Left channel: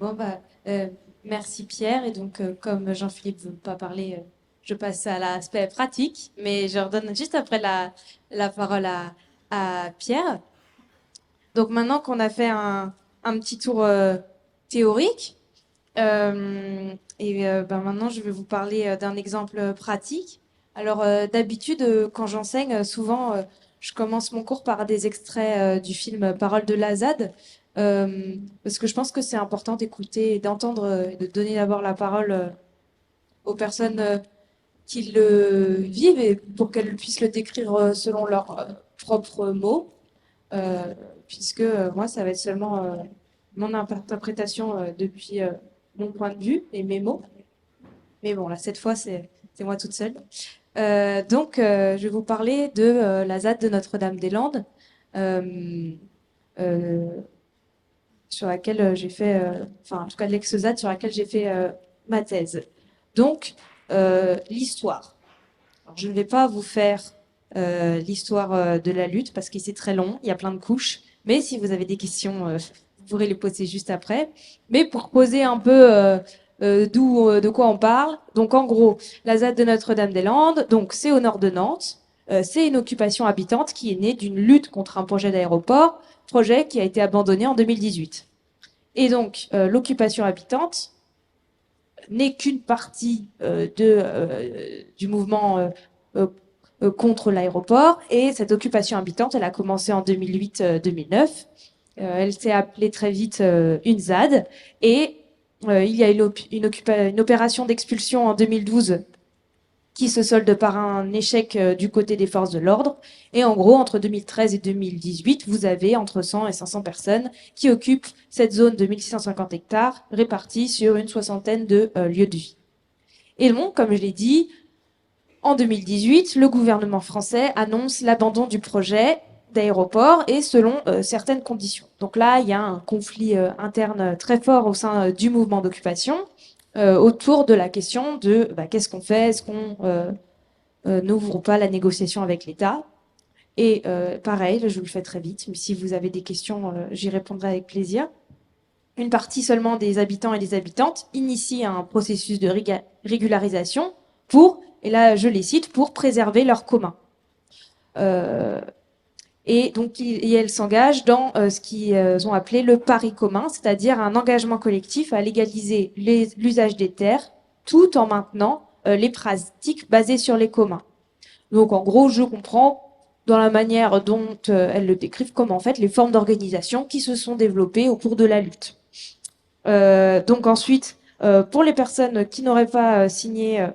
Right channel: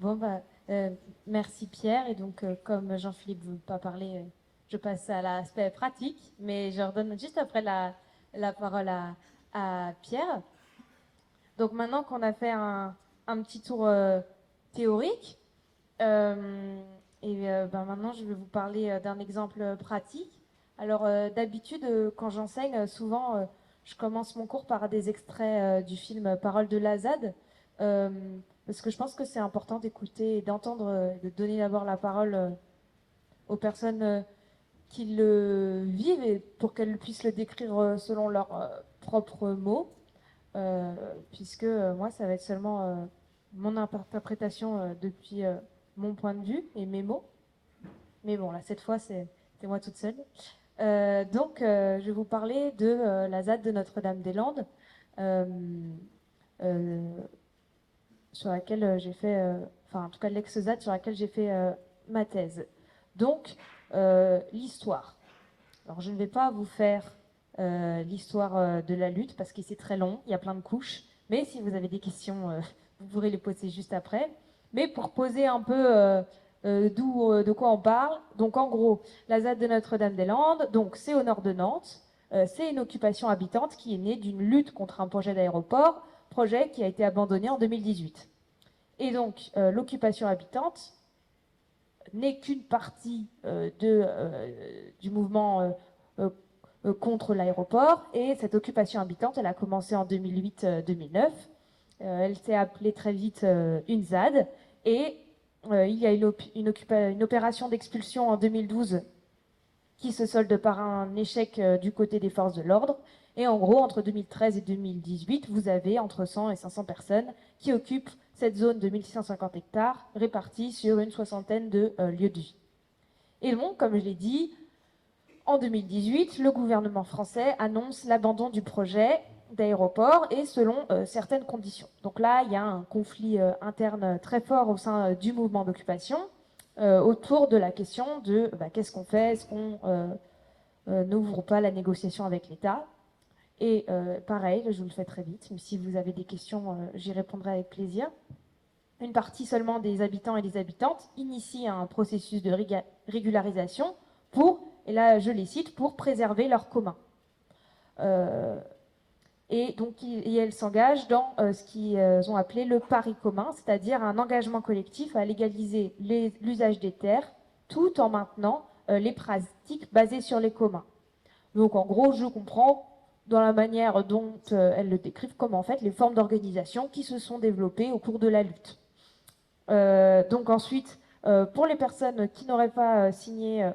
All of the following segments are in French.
Bon, bah, merci Pierre. Et donc, comme Jean-Philippe ne veut pas parler, je passe à l'aspect pratique, mais je redonne juste après la parole à Pierre. Donc, maintenant qu'on a fait un petit tour théorique, ben maintenant je vais vous parler d'un exemple pratique. Alors, d'habitude, quand j'enseigne, souvent, je commence mon cours par des extraits du film Parole de Lazade. Parce que je pense que c'est important d'écouter et d'entendre, de donner d'abord la parole aux personnes qui le vivent et pour qu'elles puissent le décrire selon leurs propres mots. Euh, Puisque moi, ça va être seulement mon interprétation depuis mon point de vue et mes mots. Mais bon, là, cette fois, c'est moi toute seule. Je vais vous parler de la ZAD de Notre-Dame-des-Landes. Euh, euh, sur laquelle j'ai fait, enfin en tout cas l'ex-ZAD sur laquelle j'ai fait ma thèse. Donc, l'histoire. Alors, je ne vais pas vous faire l'histoire de la lutte parce que c'est très long, il y a plein de couches. Mais si vous avez des questions, vous pourrez les poser juste après. Mais pour poser un peu de quoi on parle, donc en gros, la ZAD de Notre-Dame-des-Landes, donc c'est au nord de Nantes. C'est une occupation habitante qui est née d'une lutte contre un projet d'aéroport, projet qui a été abandonné en 2018. Et donc, l'occupation habitante n'est qu'une partie du mouvement contre l'aéroport. Et cette occupation habitante, elle a commencé en 2008-2009. Elle s'est appelée très vite une ZAD. Et il y a une opération d'expulsion en 2012 qui se solde par un échec du côté des forces de l'ordre. Et en gros, entre 2013 et 2018, vous avez entre 100 et 500 personnes qui occupent cette zone de 1650 hectares répartie sur une soixantaine de lieux de vie. Et donc, comme je l'ai dit, en 2018, le gouvernement français annonce l'abandon du projet d'aéroport et selon certaines conditions. Donc là, il y a un conflit interne très fort au sein du mouvement d'occupation autour de la question de qu'est-ce qu'on fait, est-ce qu'on n'ouvrent pas la négociation avec l'État. Et pareil, je vous le fais très vite, mais si vous avez des questions, j'y répondrai avec plaisir. Une partie seulement des habitants et des habitantes initie un processus de régularisation pour, et là je les cite, pour préserver leur commun. Euh, et donc elles s'engagent dans ce qu'ils ont appelé le pari commun, c'est-à-dire un engagement collectif à légaliser l'usage des terres tout en maintenant les pratiques basées sur les communs. Donc en gros, je comprends dans la manière dont elles le décrivent comme en fait les formes d'organisation qui se sont développées au cours de la lutte. Donc ensuite, pour les personnes qui n'auraient pas signé,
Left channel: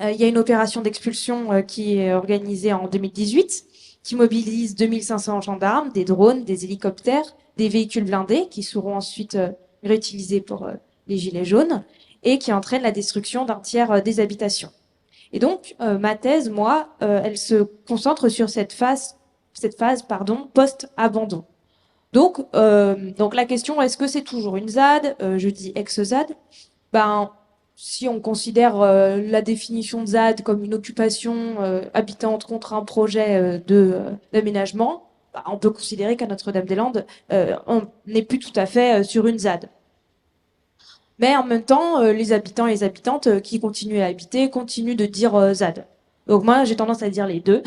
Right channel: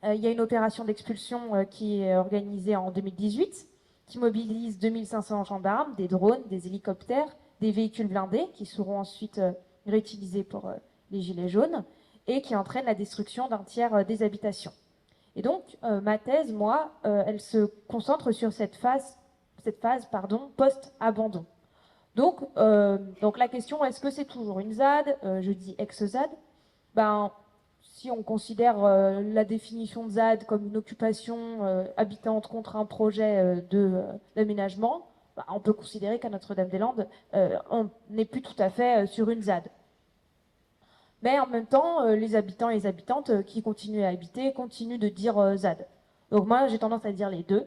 il y a une opération d'expulsion qui est organisée en 2018, qui mobilise 2500 gendarmes, des drones, des hélicoptères, des véhicules blindés qui seront ensuite réutilisés pour les gilets jaunes et qui entraîne la destruction d'un tiers des habitations. Et donc, ma thèse, moi, elle se concentre sur cette phase post-abandon. Donc la question, est-ce que c'est toujours une ZAD? Je dis ex-ZAD. Ben, si on considère la définition de ZAD comme une occupation habitante contre un projet d'aménagement, ben, on peut considérer qu'à Notre-Dame-des-Landes, on n'est plus tout à fait sur une ZAD. Mais en même temps, les habitants et les habitantes qui continuent à habiter continuent de dire ZAD. Donc moi, j'ai tendance à dire les deux,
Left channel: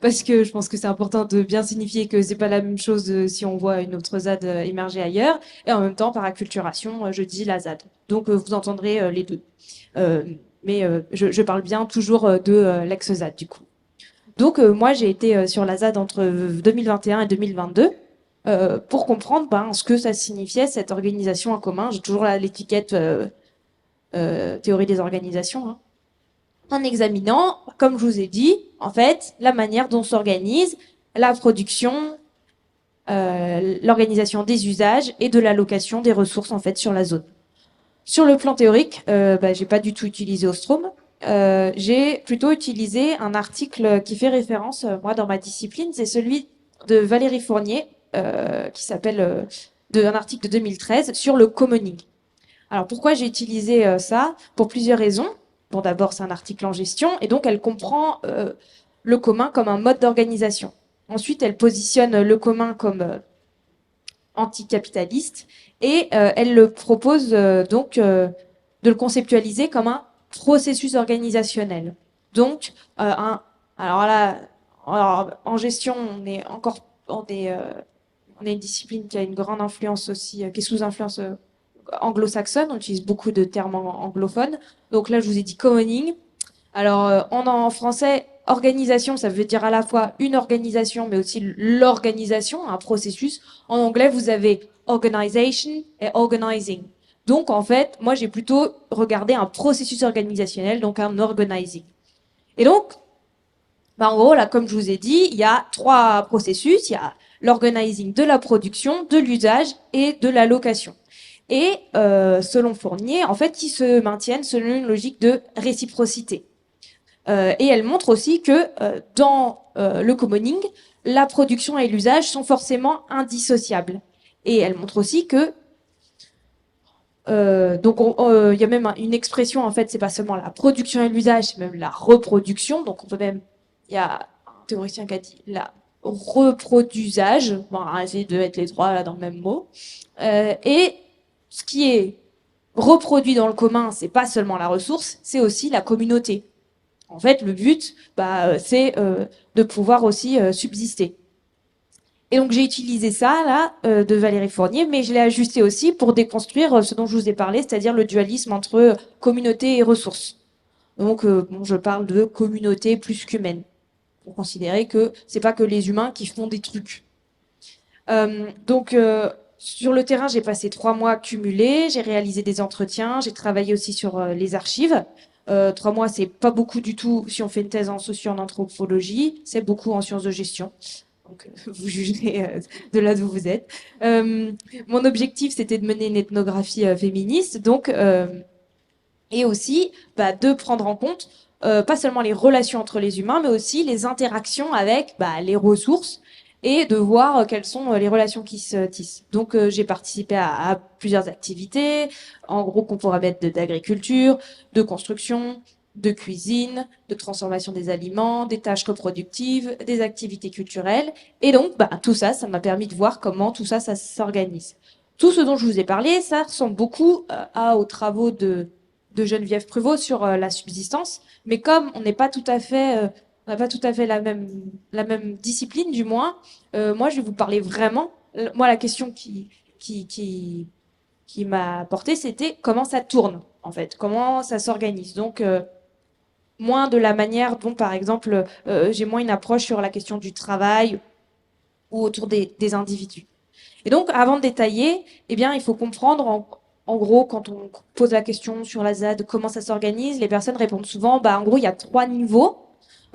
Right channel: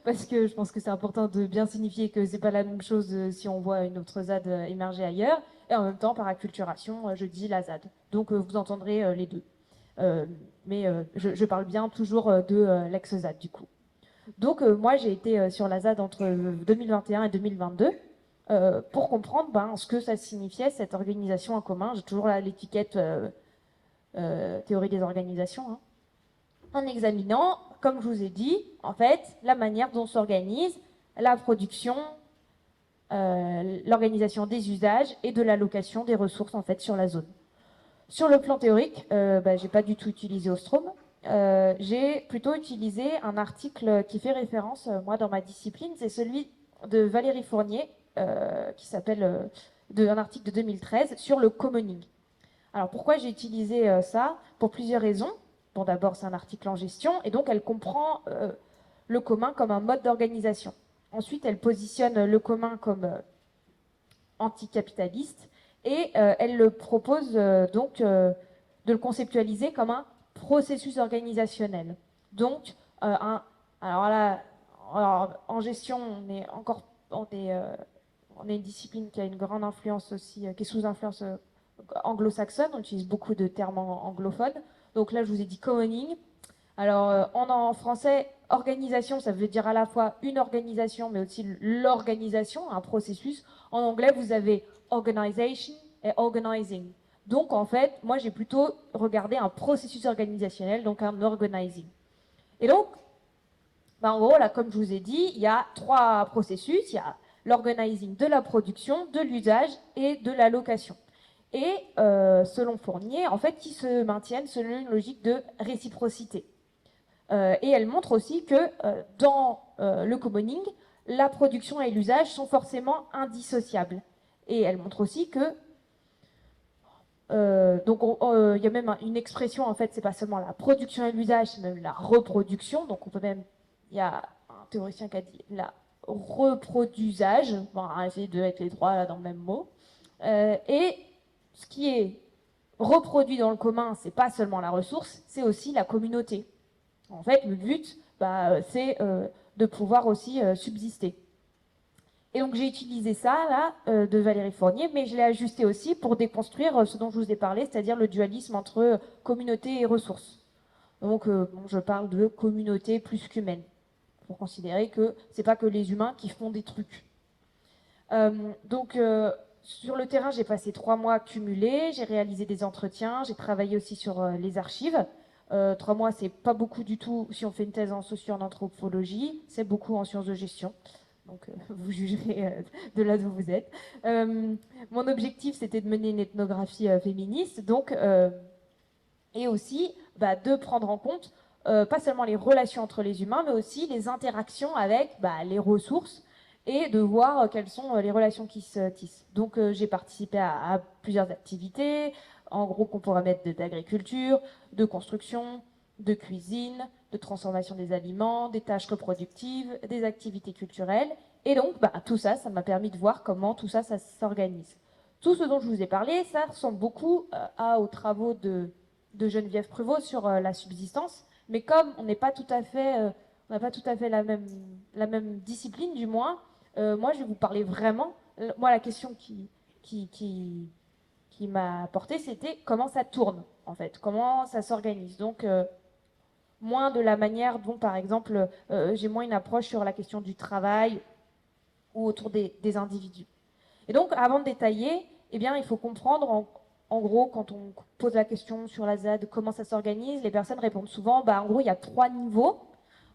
parce que je pense que c'est important de bien signifier que c'est pas la même chose si on voit une autre ZAD émerger ailleurs. Et en même temps, par acculturation, je dis la ZAD. Donc vous entendrez les deux. Euh, je parle bien toujours de l'ex-ZAD du coup. Donc moi, j'ai été sur la ZAD entre 2021 et 2022 pour comprendre ce que ça signifiait, cette organisation en commun. J'ai toujours l'étiquette théorie des organisations, hein. En examinant, comme je vous ai dit, en fait, la manière dont s'organise la production, l'organisation des usages et de l'allocation des ressources en fait sur la zone. Sur le plan théorique, j'ai pas du tout utilisé Ostrom. J'ai plutôt utilisé un article qui fait référence, moi, dans ma discipline, c'est celui de Valérie Fournier, qui s'appelle un article de 2013 sur le commoning. Alors pourquoi j'ai utilisé ça? Pour plusieurs raisons. Bon, d'abord, c'est un article en gestion, et donc elle comprend le commun comme un mode d'organisation. Ensuite, elle positionne le commun comme anticapitaliste, et elle le propose de le conceptualiser comme un processus organisationnel. Donc, alors là, en gestion, on est une discipline qui a une grande influence aussi, qui est sous influence anglo-saxonne. On utilise beaucoup de termes anglophones. Donc là, je vous ai dit commoning. Alors, en français, organisation, ça veut dire à la fois une organisation, mais aussi l'organisation, un processus. En anglais, vous avez organization et organizing. Donc, en fait, moi, j'ai plutôt regardé un processus organisationnel, donc un organizing. Et donc, en gros, là, comme je vous ai dit, il y a 3 processus. Il y a l'organizing de la production, de l'usage et de la location. Et selon Fournier, en fait, ils se maintiennent selon une logique de réciprocité. Et elle montre aussi que dans le commoning, la production et l'usage sont forcément indissociables. Et elle montre aussi que donc il y a même une expression, en fait, c'est pas seulement la production et l'usage, c'est même la reproduction. Donc on peut même, il y a un théoricien qui a dit la reproduisage, bon, on va essayer de mettre les 3 là dans le même mot. Et ce qui est reproduit dans le commun, c'est pas seulement la ressource, c'est aussi la communauté. En fait, le but, c'est de pouvoir aussi subsister. Et donc j'ai utilisé ça là de Valérie Fournier, mais je l'ai ajusté aussi pour déconstruire ce dont je vous ai parlé, c'est-à-dire le dualisme entre communauté et ressources. Donc je parle de communauté plus qu'humaine, pour considérer que c'est pas que les humains qui font des trucs. Sur le terrain, j'ai passé 3 mois cumulés, j'ai réalisé des entretiens, j'ai travaillé aussi sur les archives. 3 mois, c'est pas beaucoup du tout si on fait une thèse en socio en anthropologie, c'est beaucoup en sciences de gestion. Donc, vous jugerez de là d'où vous êtes. Mon objectif, c'était de mener une ethnographie féministe, et aussi de prendre en compte pas seulement les relations entre les humains, mais aussi les interactions avec les ressources et de voir quelles sont les relations qui se tissent. Donc j'ai participé à plusieurs activités, en gros qu'on pourrait mettre d'agriculture, de construction, de cuisine, de transformation des aliments, des tâches reproductives, des activités culturelles. Et donc tout ça, ça m'a permis de voir comment tout ça, ça s'organise. Tout ce dont je vous ai parlé, ça ressemble beaucoup aux travaux de Geneviève Pruvot sur la subsistance. Mais comme on n'est pas tout à fait, on n'a pas tout à fait la même discipline, du moins, moi, je vais vous parler vraiment. Moi, la question qui, qui, qui m'a porté, c'était comment ça tourne, en fait, comment ça s'organise. Donc, moins de la manière dont, par exemple, j'ai moins une approche sur la question du travail ou autour des individus. Et donc, avant de détailler, eh bien, il faut comprendre, en gros, quand on pose la question sur la ZAD, comment ça s'organise, les personnes répondent souvent, en gros, il y a 3 niveaux,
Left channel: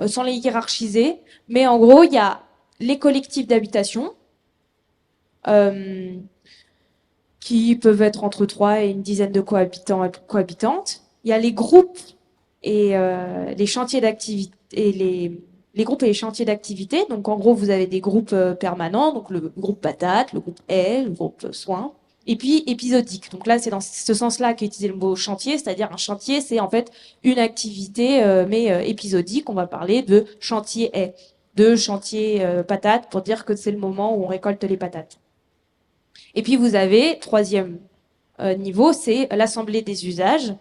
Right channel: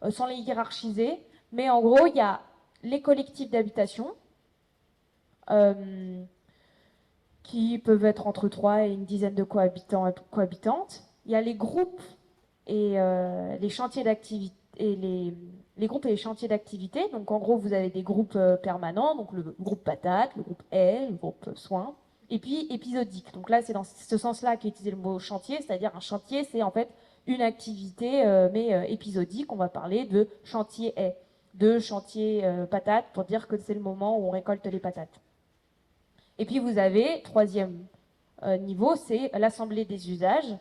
sans les hiérarchiser, mais en gros, il y a les collectifs d'habitation, euh, qui peuvent être entre 3 et une dizaine de cohabitants et cohabitantes. Il y a les groupes et les chantiers d'activité et les groupes et les chantiers d'activité. Donc en gros, vous avez des groupes permanents, donc le groupe patate, le groupe aile, le groupe soins, et puis épisodique. Donc là, c'est dans ce sens-là qu'est utilisé le mot chantier, c'est-à-dire un chantier, c'est en fait une activité mais épisodique. On va parler de chantier haie, de chantier patate pour dire que c'est le moment où on récolte les patates. Et puis vous avez, troisième niveau, c'est l'assemblée des usages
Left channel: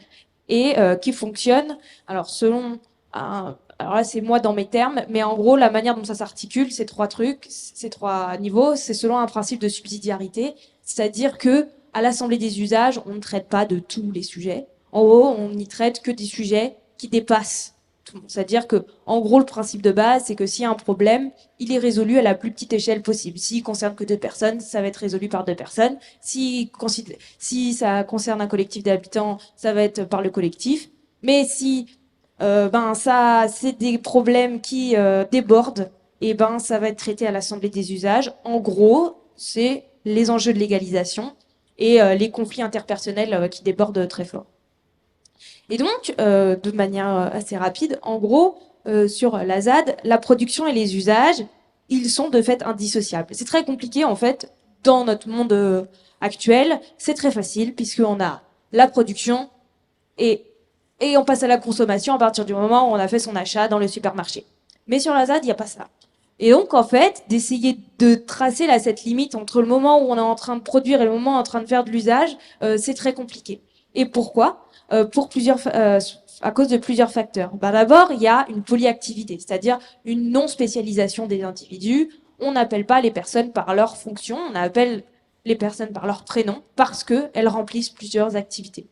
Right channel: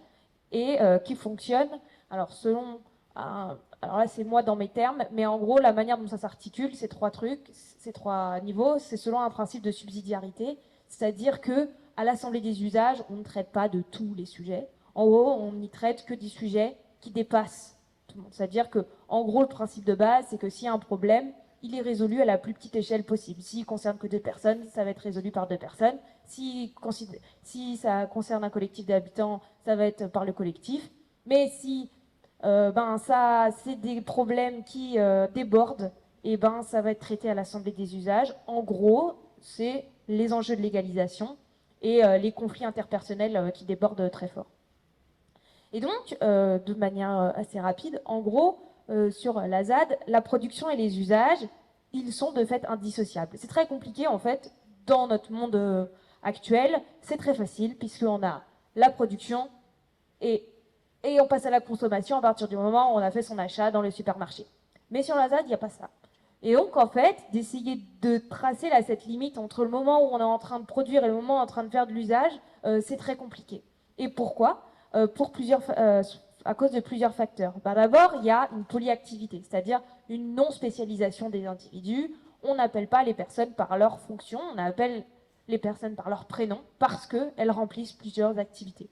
et qui fonctionne, alors selon, alors là c'est moi dans mes termes, mais en gros la manière dont ça s'articule, ces 3 trucs, ces 3 niveaux, c'est selon un principe de subsidiarité, c'est-à-dire que à l'assemblée des usages, on ne traite pas de tous les sujets. En gros, on n'y traite que des sujets qui dépassent tout le monde. C'est-à-dire que, en gros, le principe de base, c'est que s'il y a un problème, il est résolu à la plus petite échelle possible. S'il concerne que 2 personnes, ça va être résolu par 2 personnes. Si ça concerne un collectif d'habitants, ça va être par le collectif. Mais si ça, c'est des problèmes qui débordent, et ça va être traité à l'Assemblée des usages. En gros, c'est les enjeux de légalisation et les conflits interpersonnels qui débordent très fort. Et donc, de manière assez rapide, en gros, sur la ZAD, la production et les usages, ils sont de fait indissociables. C'est très compliqué, en fait, dans notre monde actuel. C'est très facile, puisqu'on a la production et, et on passe à la consommation à partir du moment où on a fait son achat dans le supermarché. Mais sur la ZAD, il n'y a pas ça. Et donc, en fait, d'essayer de tracer là, cette limite entre le moment où on est en train de produire et le moment où on est en train de faire de l'usage, c'est très compliqué. Et pourquoi À cause de plusieurs facteurs. Ben, d'abord, il y a une polyactivité, c'est-à-dire une non-spécialisation des individus. On n'appelle pas les personnes par leur fonction, on appelle les personnes par leur prénom parce qu'elles remplissent plusieurs activités.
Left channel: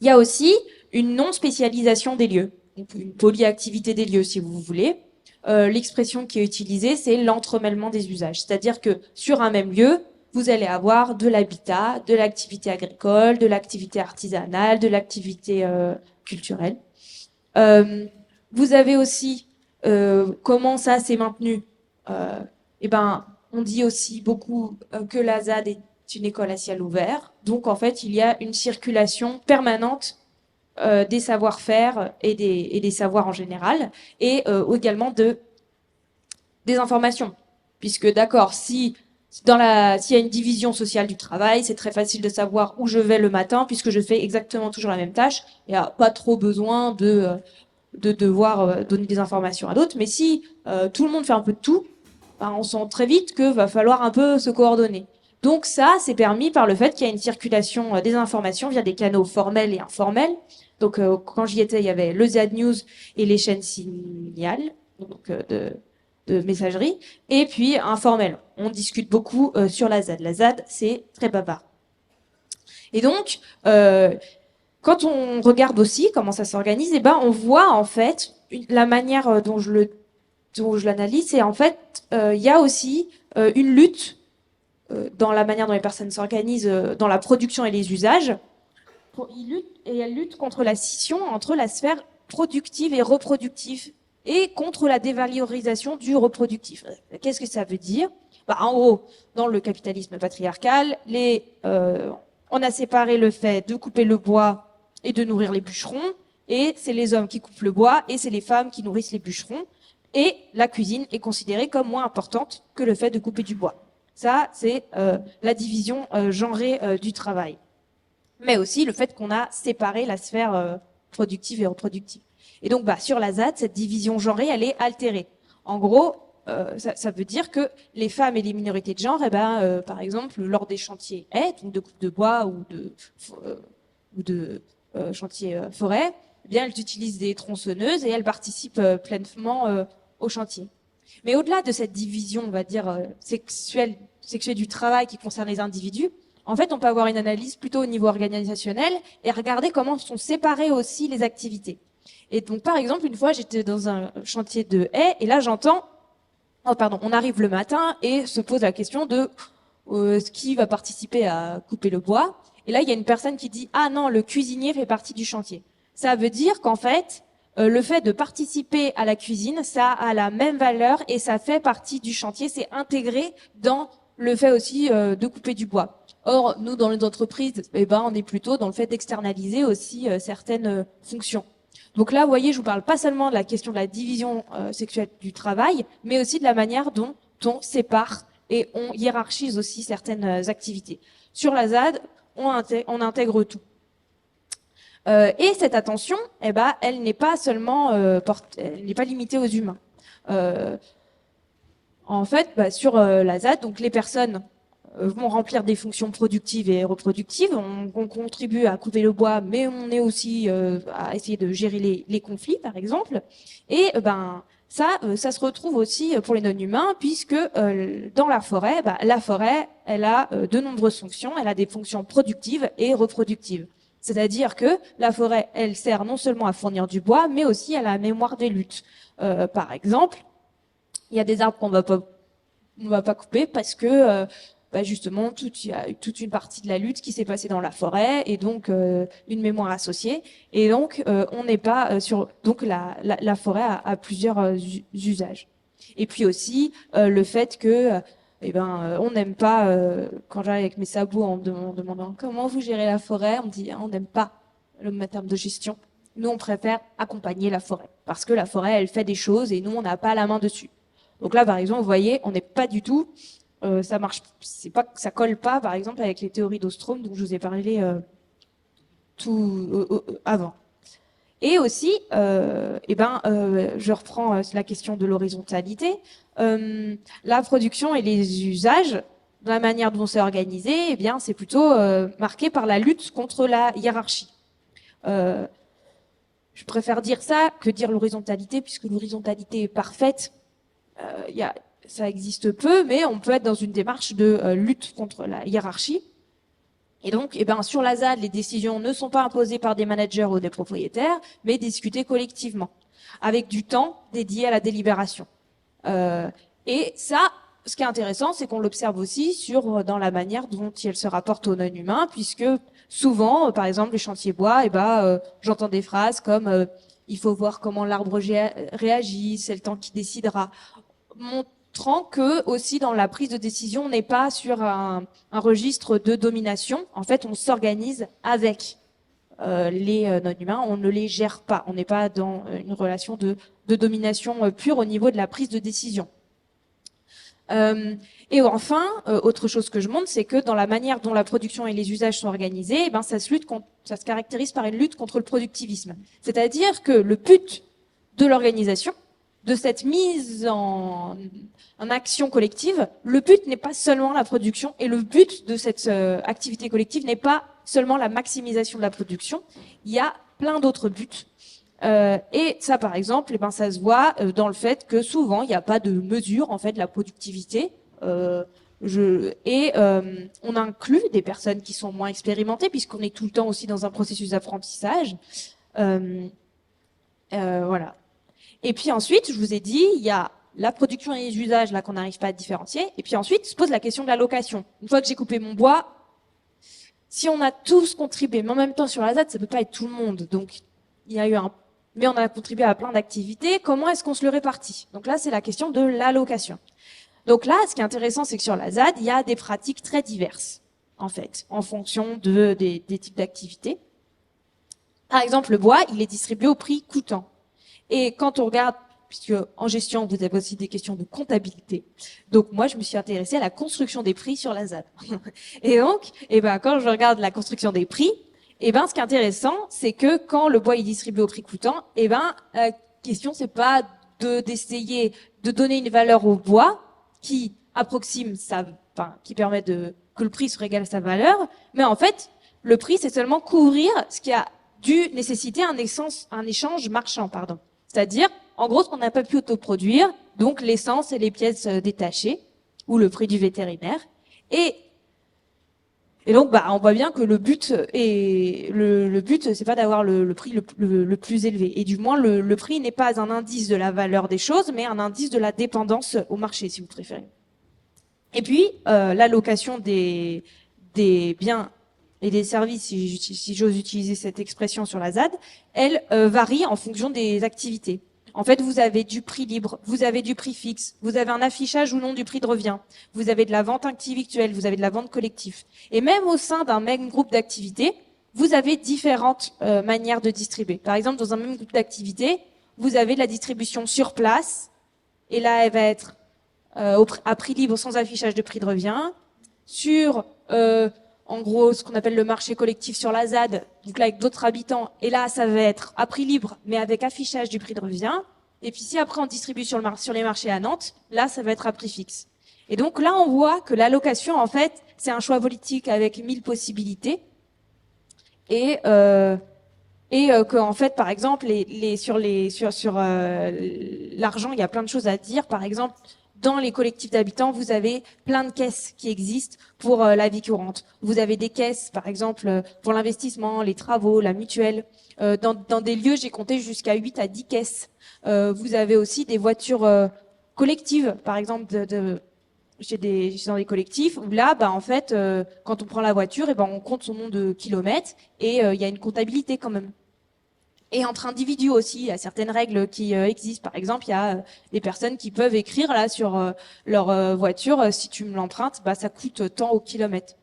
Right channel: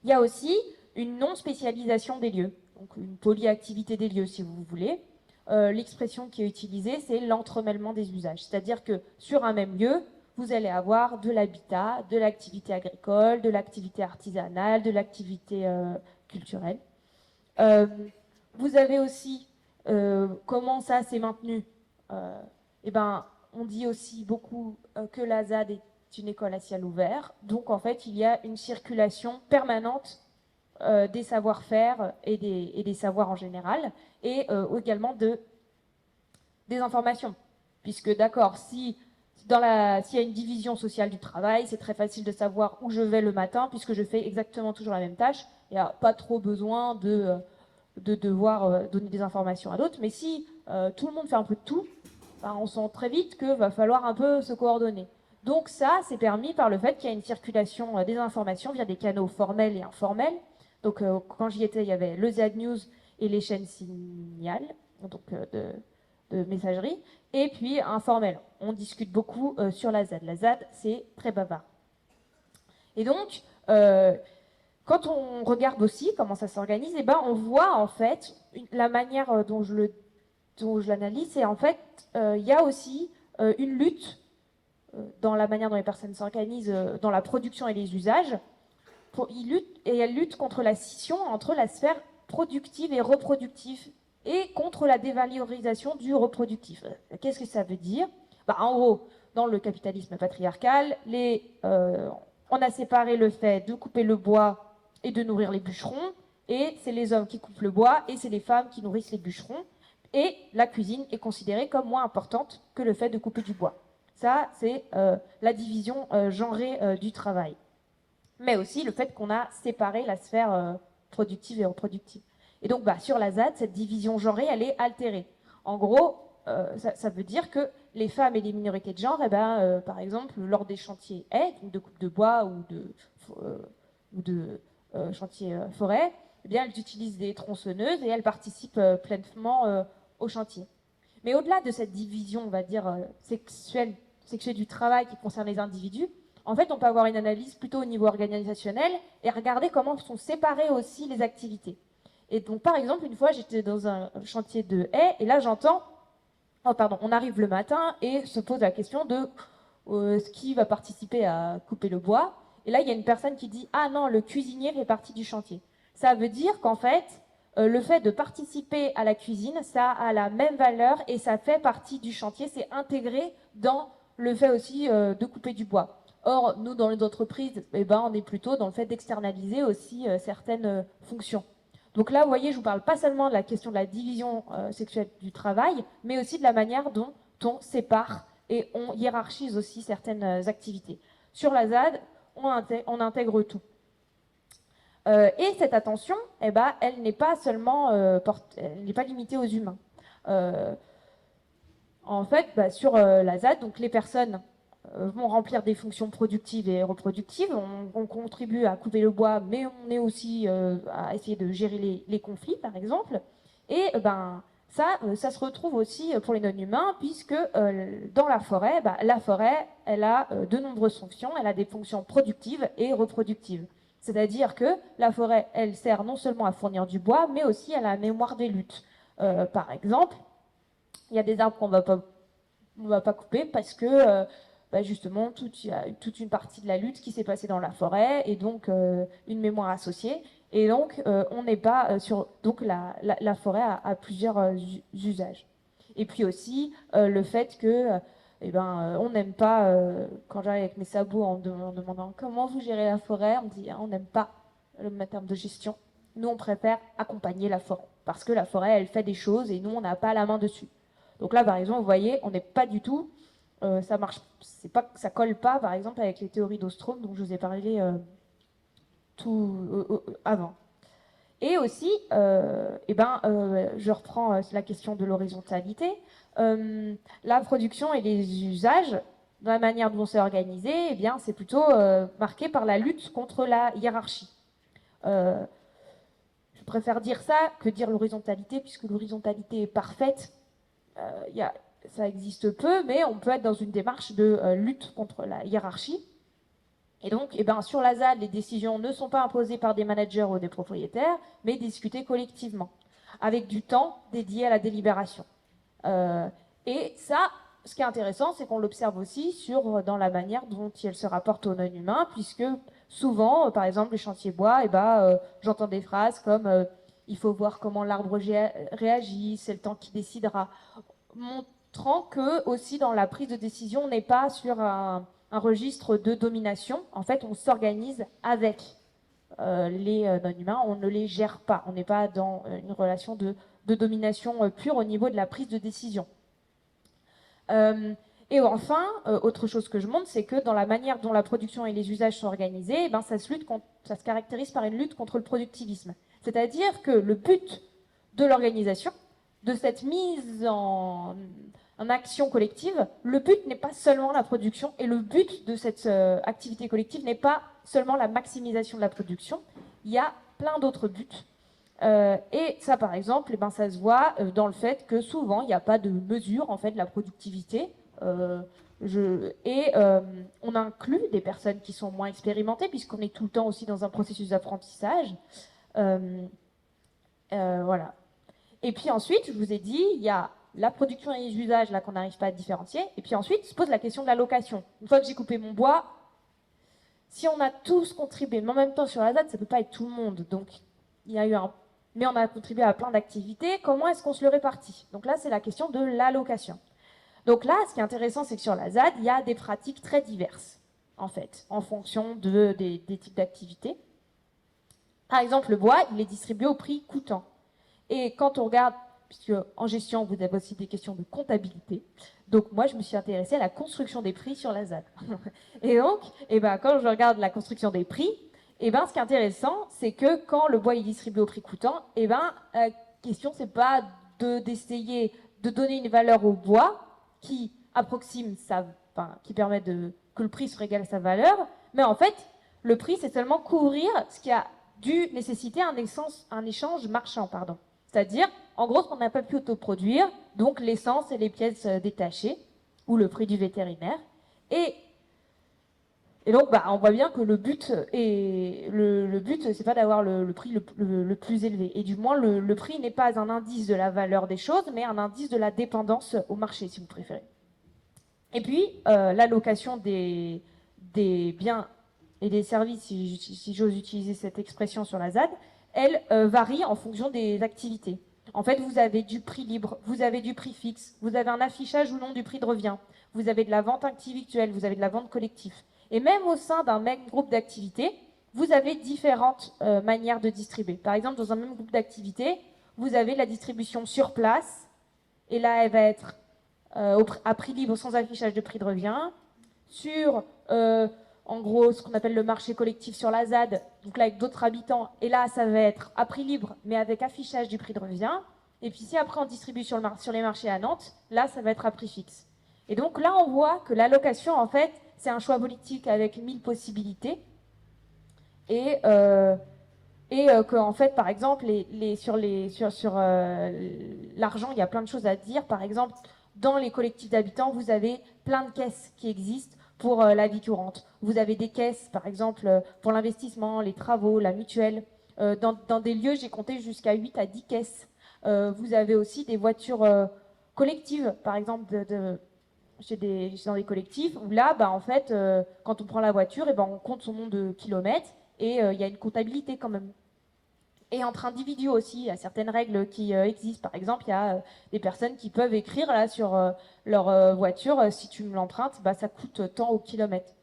Il y a aussi une non-spécialisation des lieux, donc une polyactivité des lieux si vous voulez. L'expression qui est utilisée, c'est l'entremêlement des usages. C'est-à-dire que sur un même lieu, vous allez avoir de l'habitat, de l'activité agricole, de l'activité artisanale, de l'activité culturelle. Euh, Vous avez aussi comment ça s'est maintenu. Eh ben, on dit aussi beaucoup que la ZAD est une école à ciel ouvert. Donc en fait, il y a une circulation permanente des savoir-faire et des savoirs en général, et également des informations. Puisque d'accord, s'il y a une division sociale du travail, c'est très facile de savoir où je vais le matin, puisque je fais exactement toujours la même tâche. Il n'y a pas trop besoin de devoir donner des informations à d'autres. Mais si tout le monde fait un peu de tout, ben, on sent très vite qu'il va falloir un peu se coordonner. Donc ça, c'est permis par le fait qu'il y a une circulation des informations via des canaux formels et informels. Donc quand j'y étais, il y avait le Z News et les chaînes Signal, donc de messagerie, et puis informel. On discute beaucoup sur la ZAD. La ZAD, c'est très bavard. Et donc, quand on regarde aussi comment ça s'organise, eh ben, on voit en fait la manière dont je l'analyse, c'est en fait, il y a aussi une lutte dans la manière dont les personnes s'organisent dans la production et les usages. Elle lutte contre la scission entre la sphère productive et reproductive et contre la dévalorisation du reproductif. Qu'est-ce que ça veut dire? Bah, en gros, dans le capitalisme patriarcal, on a séparé le fait de couper le bois et de nourrir les bûcherons, et c'est les hommes qui coupent le bois et c'est les femmes qui nourrissent les bûcherons, et la cuisine est considérée comme moins importante que le fait de couper du bois. Ça, c'est la division genrée du travail, mais aussi le fait qu'on a séparé la sphère productive et reproductive. Et donc, bah, sur la ZAD, cette division genrée, elle est altérée. En gros, ça veut dire que les femmes et les minorités de genre, eh ben, par exemple, lors des chantiers haies, donc de coupe de bois ou de chantiers forêt, eh bien, elles utilisent des tronçonneuses et elles participent pleinement au chantier. Mais au-delà de cette division, on va dire, sexuelle du travail qui concerne les individus, en fait, on peut avoir une analyse plutôt au niveau organisationnel et regarder comment sont séparées aussi les activités. Et donc, par exemple, une fois, j'étais dans un chantier de haies et là, j'entends, oh, pardon, on arrive le matin et se pose la question de qui va participer à couper le bois. Et là, il y a une personne qui dit, ah non, le cuisinier fait partie du chantier. Ça veut dire qu'en fait, le fait de participer à la cuisine, ça a la même valeur et ça fait partie du chantier, c'est intégré dans le fait aussi de couper du bois. Or, nous, dans les entreprises, eh ben, on est plutôt dans le fait d'externaliser aussi certaines fonctions. Donc là, vous voyez, je vous parle pas seulement de la question de la division sexuelle du travail, mais aussi de la manière dont on sépare et on hiérarchise aussi certaines activités. Sur la ZAD, on intègre tout. Et cette attention, eh ben, elle n'est pas seulement elle n'est pas limitée aux humains. Euh, En fait, bah, sur la ZAD, donc les personnes vont remplir des fonctions productives et reproductives. On contribue à couper le bois, mais on est aussi à essayer de gérer les conflits, par exemple. Et ben ça se retrouve aussi pour les non-humains, puisque dans la forêt, elle a de nombreuses fonctions. Elle a des fonctions productives et reproductives. C'est-à-dire que la forêt, elle sert non seulement à fournir du bois, mais aussi à la mémoire des luttes. Par exemple, il y a des arbres on va pas couper parce que bah, justement, il y a toute une partie de la lutte qui s'est passée dans la forêt et donc une mémoire associée. Et donc, on n'est pas sur. Donc, la forêt a plusieurs usages. Et puis aussi, le fait que. Eh ben, on n'aime pas, quand j'arrive avec mes sabots en me demandant comment vous gérez la forêt, on me dit on n'aime pas le terme de gestion. Nous, on préfère accompagner la forêt parce que la forêt, elle fait des choses et nous, on n'a pas la main dessus. Donc là, par exemple, vous voyez, on n'est pas du tout, ça marche, c'est pas, ça colle pas, par exemple, avec les théories d'Ostrom dont je vous ai parlé tout avant. Et aussi, je reprends la question de l'horizontalité. La production et les usages, dans la manière dont c'est organisé, eh bien, c'est plutôt marqué par la lutte contre la hiérarchie. Je préfère dire ça que dire l'horizontalité, puisque l'horizontalité est parfaite. Ça existe peu, mais on peut être dans une démarche de lutte contre la hiérarchie. Et donc, sur la ZAD, les décisions ne sont pas imposées par des managers ou des propriétaires, mais discutées collectivement, avec du temps dédié à la délibération. Et ça, ce qui est intéressant, c'est qu'on l'observe aussi dans la manière dont elle se rapporte aux non-humains, puisque souvent, par exemple, les chantiers bois, j'entends des phrases comme il faut voir comment l'arbre réagit, c'est le temps qui décidera. Montrant que aussi dans la prise de décision, on n'est pas sur un registre de domination. En fait, on s'organise avec les non-humains, on ne les gère pas. On n'est pas dans une relation de domination pure au niveau de la prise de décision. Et enfin, autre chose que je montre, c'est que dans la manière dont la production et les usages sont organisés, ça se caractérise par une lutte contre le productivisme. C'est-à-dire que le but de l'organisation, de cette mise en action collective, le but n'est pas seulement la production et le but de cette activité collective n'est pas seulement la maximisation de la production. Il y a plein d'autres buts. Et ça, par exemple, ça se voit dans le fait que souvent, il n'y a pas de mesure en fait de la productivité. On inclut des personnes qui sont moins expérimentées, puisqu'on est tout le temps aussi dans un processus d'apprentissage. Voilà. Et puis ensuite, je vous ai dit, il y a la production et les usages là qu'on n'arrive pas à différencier. Et puis ensuite, se pose la question de la location. Une fois que j'ai coupé mon bois, si on a tous contribué, mais en même temps sur la ZAD, ça peut pas être tout le monde. Donc il y a eu mais on a contribué à plein d'activités. Comment est-ce qu'on se le répartit? Donc là, c'est la question de l'allocation. Donc là, ce qui est intéressant, c'est que sur la ZAD, il y a des pratiques très diverses, en fait, en fonction des types d'activités. Par exemple, le bois, il est distribué au prix coûtant. Et quand on regarde, puisque en gestion, vous avez aussi des questions de comptabilité, donc moi, je me suis intéressée à la construction des prix sur la ZAD. Et donc, quand je regarde la construction des prix, ce qui est intéressant, c'est que quand le bois est distribué au prix coûtant, la question, c'est pas d'essayer de donner une valeur au bois qui approxime qui permet que le prix soit égal à sa valeur, mais en fait, le prix, c'est seulement couvrir ce qui a dû nécessiter un échange marchand, pardon. C'est-à-dire, en gros, ce qu'on n'a pas pu autoproduire, donc l'essence et les pièces détachées, ou le prix du vétérinaire. Et donc, on voit bien que le but, c'est pas d'avoir le prix le plus élevé. Et du moins, le prix n'est pas un indice de la valeur des choses, mais un indice de la dépendance au marché, si vous préférez. Et puis, l'allocation des biens et des services, si j'ose utiliser cette expression sur la ZAD, elle varie en fonction des activités. En fait, vous avez du prix libre, vous avez du prix fixe, vous avez un affichage ou non du prix de revient, vous avez de la vente individuelle, vous avez de la vente collective. Et même au sein d'un même groupe d'activités, vous avez différentes manières de distribuer. Par exemple, dans un même groupe d'activités, vous avez la distribution sur place, et là, elle va être à prix libre sans affichage de prix de revient, sur en gros ce qu'on appelle le marché collectif sur la ZAD, donc là avec d'autres habitants, et là ça va être à prix libre mais avec affichage du prix de revient, et puis si après on distribue sur les marchés à Nantes, là ça va être à prix fixe. Et donc là on voit que l'allocation en fait c'est un choix politique avec 1000 possibilités, et que en fait par exemple sur l'argent il y a plein de choses à dire. Par exemple, dans les collectifs d'habitants, vous avez plein de caisses qui existent pour la vie courante. Vous avez des caisses, par exemple, pour l'investissement, les travaux, la mutuelle. Dans des lieux, j'ai compté jusqu'à 8 à 10 caisses. Vous avez aussi des voitures collectives, par exemple, chez dans des collectifs, où là, en fait, quand on prend la voiture, on compte son nombre de kilomètres et il y a une comptabilité quand même. Et entre individus aussi, il y a certaines règles qui existent. Par exemple, il y a des personnes qui peuvent écrire là sur leur voiture, si tu me l'empruntes, ça coûte tant au kilomètre.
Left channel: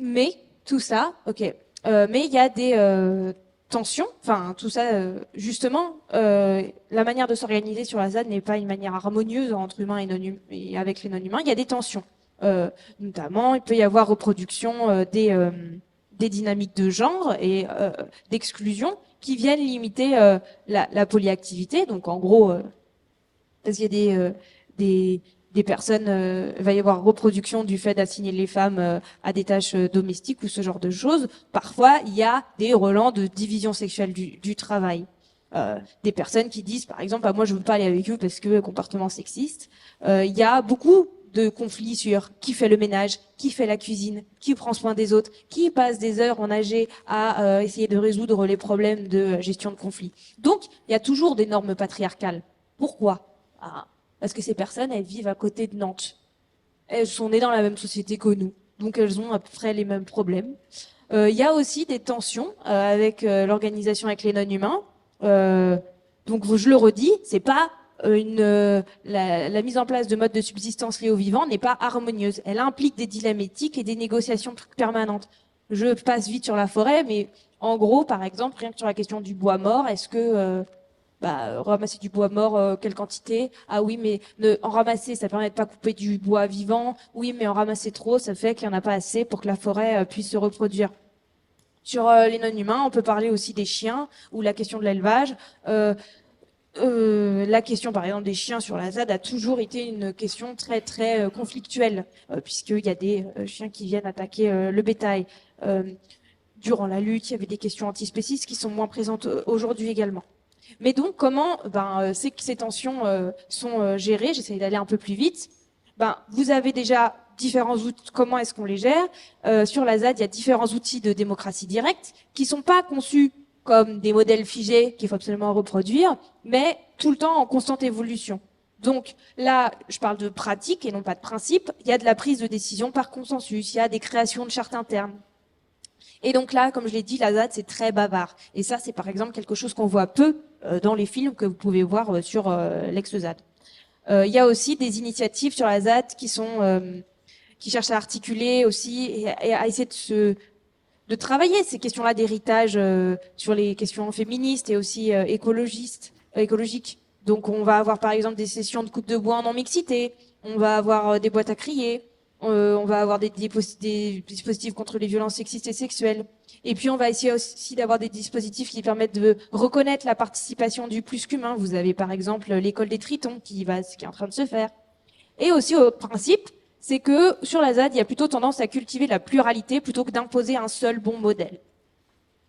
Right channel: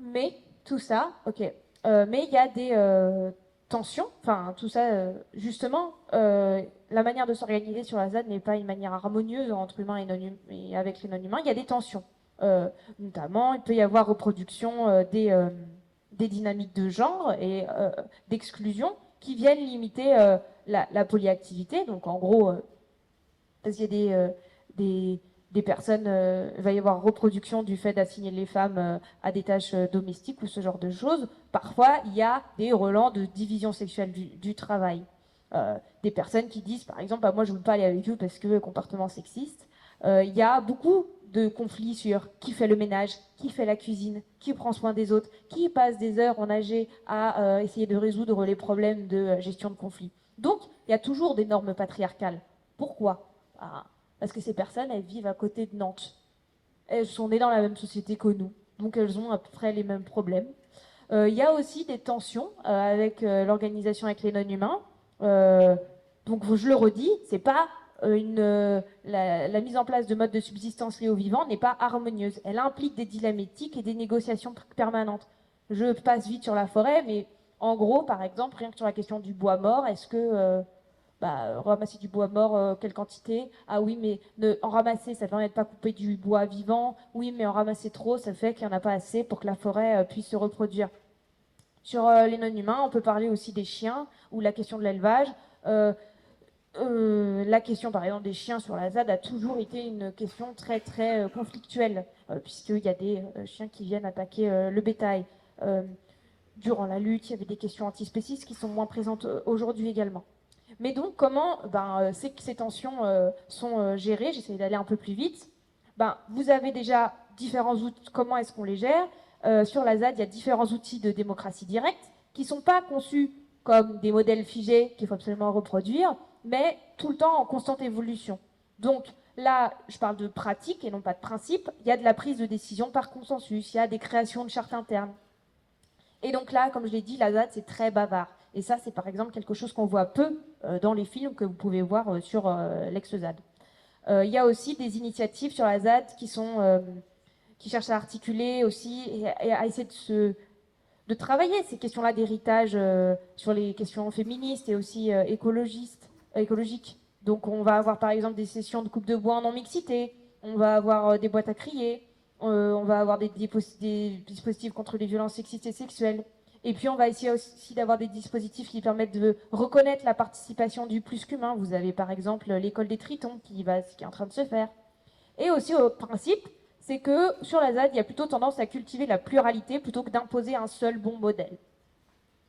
Mais tout ça, ok. Mais il y a des tensions. Enfin, tout ça, justement, la manière de s'organiser sur la ZAD n'est pas une manière harmonieuse entre humains et avec les non-humains. Il y a des tensions. Notamment, il peut y avoir reproduction des dynamiques de genre et d'exclusion qui viennent limiter la polyactivité. Donc en gros, parce qu'il y a des personnes, il va y avoir reproduction du fait d'assigner les femmes à des tâches domestiques ou ce genre de choses. Parfois, il y a des relents de division sexuelle du travail. Des personnes qui disent, par exemple, ah, moi je veux pas aller avec eux parce que comportement sexiste. Il y a beaucoup de conflits sur qui fait le ménage, qui fait la cuisine, qui prend soin des autres, qui passe des heures en AG à essayer de résoudre les problèmes de gestion de conflits. Donc, il y a toujours des normes patriarcales. Pourquoi? Ah, parce que ces personnes, elles vivent à côté de Nantes. Elles sont nées dans la même société que nous. Donc elles ont à peu près les mêmes problèmes. Il y a aussi des tensions avec l'organisation avec les non-humains. Donc je le redis, c'est pas la mise en place de modes de subsistance liés aux vivants n'est pas harmonieuse. Elle implique des dilemmes éthiques et des négociations permanentes. Je passe vite sur la forêt, mais en gros, par exemple, rien que sur la question du bois mort, est-ce que ramasser du bois mort, quelle quantité? Ah oui, mais en ramasser, ça permet de pas couper du bois vivant. Oui, mais en ramasser trop, ça fait qu'il n'y en a pas assez pour que la forêt puisse se reproduire. Sur les non-humains, on peut parler aussi des chiens ou la question de l'élevage. La question, par exemple, des chiens sur la ZAD a toujours été une question très, très conflictuelle, puisqu'il y a des chiens qui viennent attaquer le bétail. Durant la lutte, il y avait des questions antispécistes qui sont moins présentes aujourd'hui également. Mais donc, comment ces tensions sont gérées? J'essaie d'aller un peu plus vite. Vous avez déjà différents outils. Comment est-ce qu'on les gère? Sur la ZAD, il y a différents outils de démocratie directe qui ne sont pas conçus comme des modèles figés qu'il faut absolument reproduire, mais tout le temps en constante évolution. Donc là, je parle de pratique et non pas de principe. Il y a de la prise de décision par consensus, il y a des créations de chartes internes. Et donc là, comme je l'ai dit, la ZAD, c'est très bavard. Et ça, c'est par exemple quelque chose qu'on voit peu dans les films que vous pouvez voir sur l'ex-ZAD. Il y a aussi des initiatives sur la ZAD qui cherchent à articuler aussi et à essayer de travailler ces questions-là d'héritage sur les questions féministes et aussi écologiques. Donc on va avoir par exemple des sessions de coupe de bois en non-mixité, on va avoir des boîtes à crier, on va avoir des dispositifs contre les violences sexistes et sexuelles. Et puis on va essayer aussi d'avoir des dispositifs qui permettent de reconnaître la participation du plus qu'humain. Vous avez par exemple l'école des tritons qui est en train de se faire. Et aussi au principe, c'est que sur la ZAD, il y a plutôt tendance à cultiver la pluralité plutôt que d'imposer un seul bon modèle.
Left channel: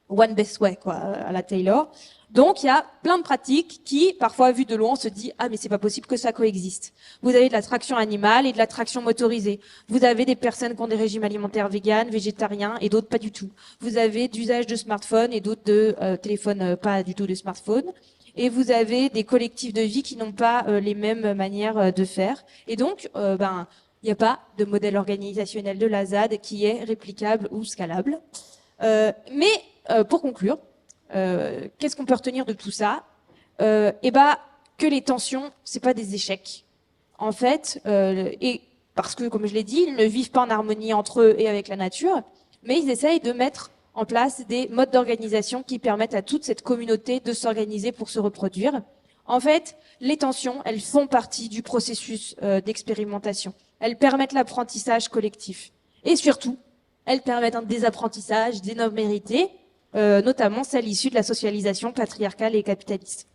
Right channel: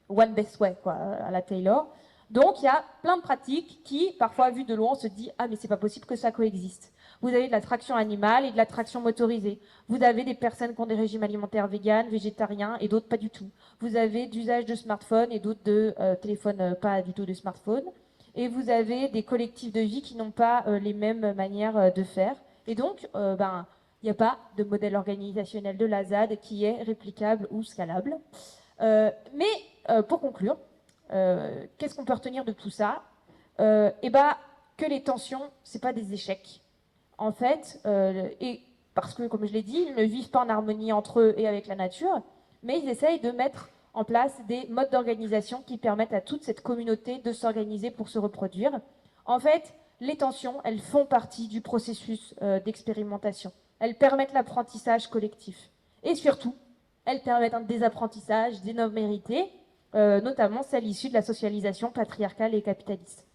One best way, quoi, à la Taylor. Donc, il y a plein de pratiques qui, parfois, vues de loin, on se dit « Ah, mais c'est pas possible que ça coexiste ». Vous avez de la traction animale et de la traction motorisée. Vous avez des personnes qui ont des régimes alimentaires véganes, végétariens, et d'autres pas du tout. Vous avez d'usage de smartphones et d'autres de téléphones pas du tout de smartphones. Et vous avez des collectifs de vie qui n'ont pas les mêmes manières de faire. Et donc, il n'y a pas de modèle organisationnel de la ZAD qui est réplicable ou scalable. Mais pour conclure, qu'est-ce qu'on peut retenir de tout ça? Que les tensions, c'est pas des échecs. En fait, et parce que, comme je l'ai dit, ils ne vivent pas en harmonie entre eux et avec la nature, mais ils essayent de mettre en place des modes d'organisation qui permettent à toute cette communauté de s'organiser pour se reproduire. En fait, les tensions, elles font partie du processus d'expérimentation. Elles permettent l'apprentissage collectif. Et surtout, elles permettent un désapprentissage des normes méritées, notamment celles issues de la socialisation patriarcale et capitaliste.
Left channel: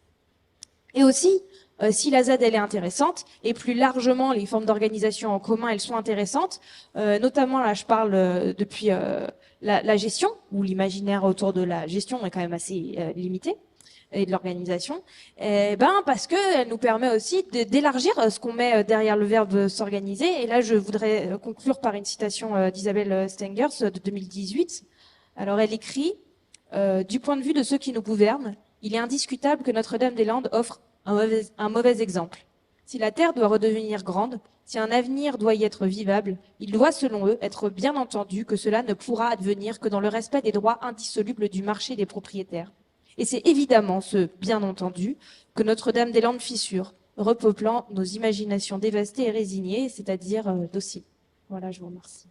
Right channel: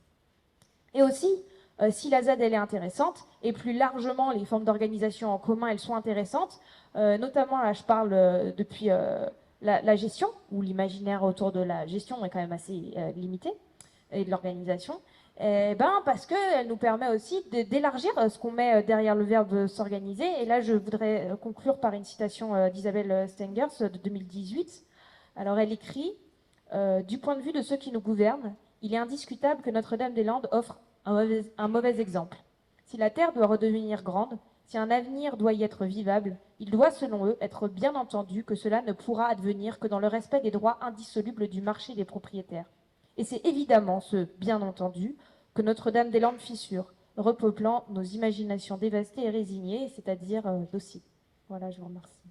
Et aussi, si la ZAD elle est intéressante, et plus largement les formes d'organisation en commun elles sont intéressantes, notamment là je parle depuis la gestion, où l'imaginaire autour de la gestion est quand même assez limité, et de l'organisation, parce qu'elle nous permet aussi d'élargir ce qu'on met derrière le verbe s'organiser. Et là, je voudrais conclure par une citation d'Isabelle Stengers de 2018. Alors, elle écrit du point de vue de ceux qui nous gouvernent, il est indiscutable que Notre-Dame-des-Landes offre un mauvais exemple. Si la Terre doit redevenir grande, si un avenir doit y être vivable, il doit, selon eux, être bien entendu que cela ne pourra advenir que dans le respect des droits indissolubles du marché des propriétaires. Et c'est évidemment ce bien entendu que Notre-Dame-des-Landes fissure, repeuplant nos imaginations dévastées et résignées, c'est-à-dire dociles. Voilà, je vous remercie.